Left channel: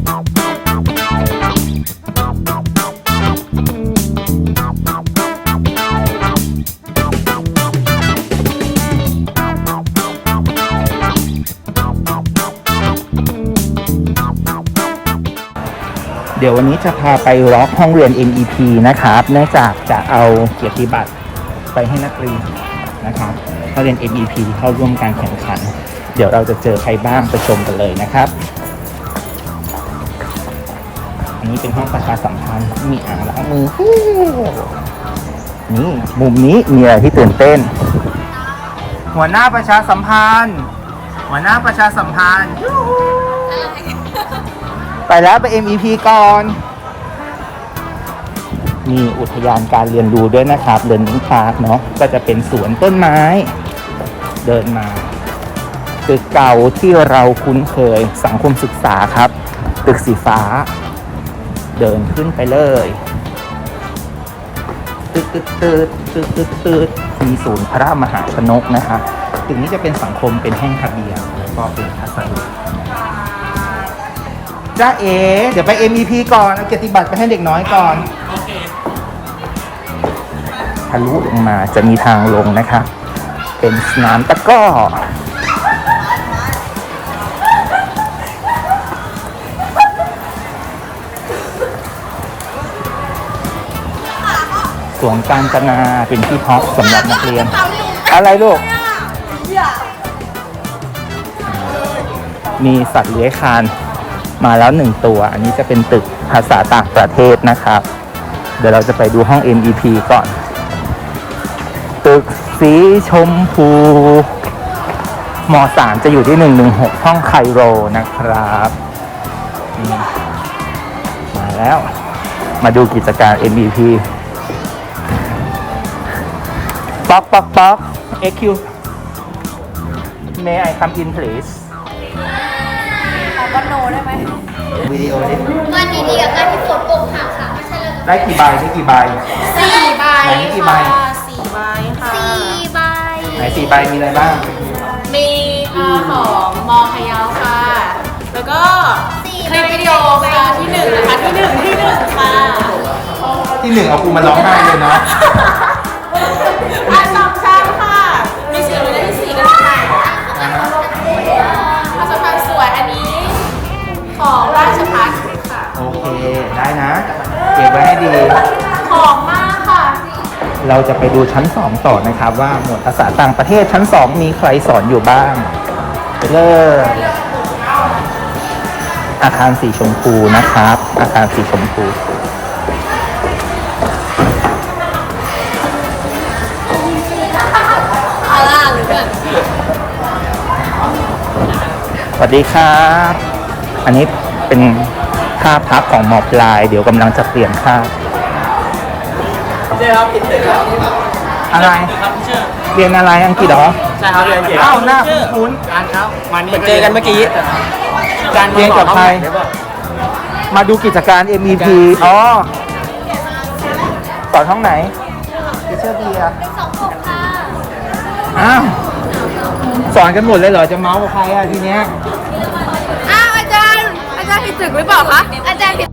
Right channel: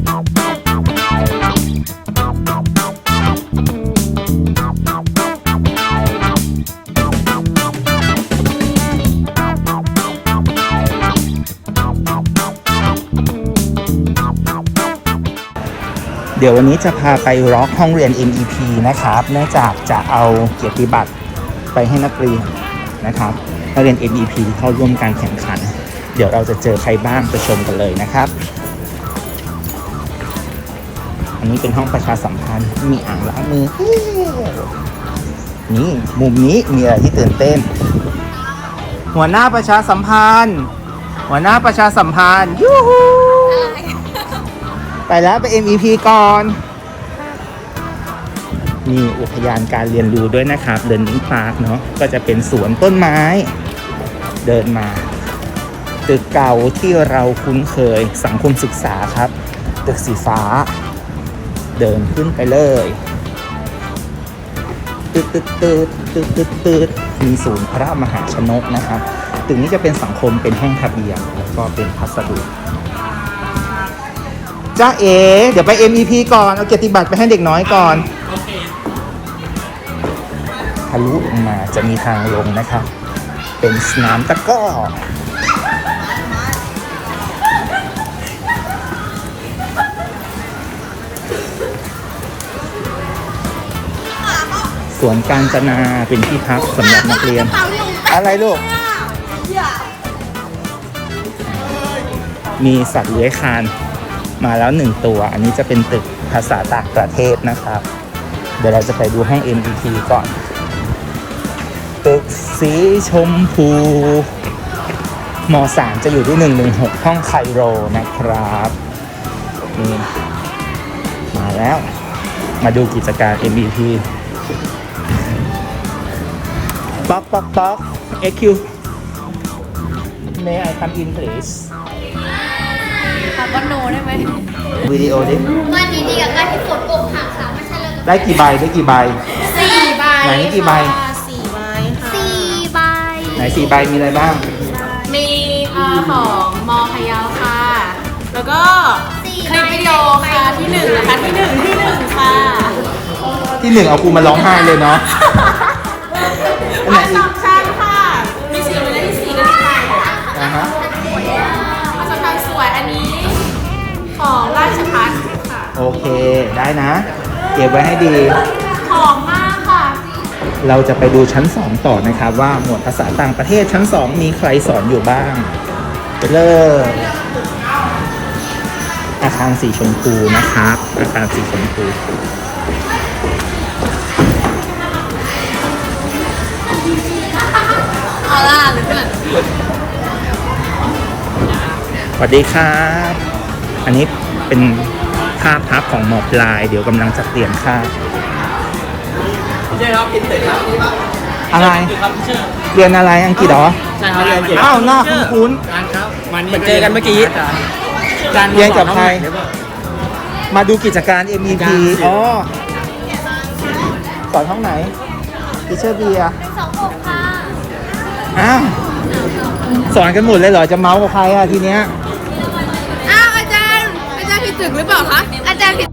เดี๋ยววันนี้จะพาไปร็อกห้องเรียน MEP นะครับ เนื่องจากจะเอาเกียรติบัตรไปให้นักเรียนนะครับห้องเรียน MEP เข้าร่วมการแข่งขัน เดี๋ยวเราจะเจอใครบ้างไปชมกันเลยนะครับ อันนี้เป็นห้องประชาสัมพันธ์มีอ่างล้างมือนี่มุมนี้มีอะไรที่ตื่นเต้น หัวหน้าประชาสัมพันธ์ หัวหน้าประชาสัมพันธ์ยูฮูไปแล้วไป MEP ก่อนมีอุทยานการเรียนรู้ด้วยนะครับ เดินพาร์คเนาะก็จะเป็นสวนต้นไม้ เดินมา ตึกเก่าที่เราคุ้นเคยสังคมศึกษาครับ ตึกสีฟ้า เดินขึ้นไปเลยตึกตึกตึกตึกตึกตึกมีศูนย์พระมหาชนกนะครับตึกนี้จะเป็นสังคมเป็นห้องทะเบียนแล้วก็เป็นพัสดุจ้าเอ เดี๋ยวไป MEP ก่อน เอาเกียรติบัตรไปให้เด็กน้อยก่อนทะลุมาจะมีทางลงนะครับเป็นสนามตะก้อ สวนการจนาเป็นที่พักสำหรับนักเรียน อะไรลูก มีสัตว์เลื้อยคานมาแล้วหนึ่งตัว อันนี้จะเป็นตึกภาษาต่างประเทศนะครับ เดี๋ยวเราจะไปดูห้อง MEP ก่อน ตึกสีชมพูม3จะอยู่ที่ 116 ห้องไคโรนะครับนี่มาแล้วมาดูกิจการ MEP ป๊อกป๊อกป๊อก AQ May I come in please ขอบันโนได้ไหมวิดีโอดิวันนี้ดีกับการที่ฝนอกหักค่ะไม่ใช่เลยได้กี่ใบได้กี่ใบ สี่ใบไหนกี่ใบ ค่ะสี่ใบค่ะสี่ใบ ไหนสี่ใบมีอะไรบ้าง มีเอ่อของมอพะเยาค่ะ แล้วก็คลิปวิดีโอค่ะที่หนึ่งนะคะที่หนึ่งที่หนึ่งค่ะ ที่หนึ่งเอากูมาร้องไห้เลยเนาะ ได้นะ เก็บไว้ให้ดีของมากค่ะเราจะไปดูชั้น 2 ต่อนะครับว่าหมวดภาษาต่างประเทศชั้น 2 มีใครสอนอยู่บ้าง ไปเลยอาคารสีชมพูนะครับ อาคารสีชมพูอาล่าหรือเปล่าสวัสดีครับ อันนี้เป็น ค่าพักของหมอปลาย เดี๋ยวกำลังจะเปลี่ยนค่าใช่ครับเป็นเตะครับอะไร ครับชื่อเรียนอะไรอังกฤษเหรอ ใช่ครับเรียนเก่งอ้าวหน้าคุ้นการครับมันเหมือนเจอกันเมื่อกี้จานเรียนกับใครเดี๋ยวบอกๆมาดูกิจการ MEP อ๋อสอนห้องไหนทิเชอร์เบียร์สองหกค่ะอ้าวสอนกันหมดเลยเหรอจะเมาส์กับใครอะทีเนี้ย อ้าวอา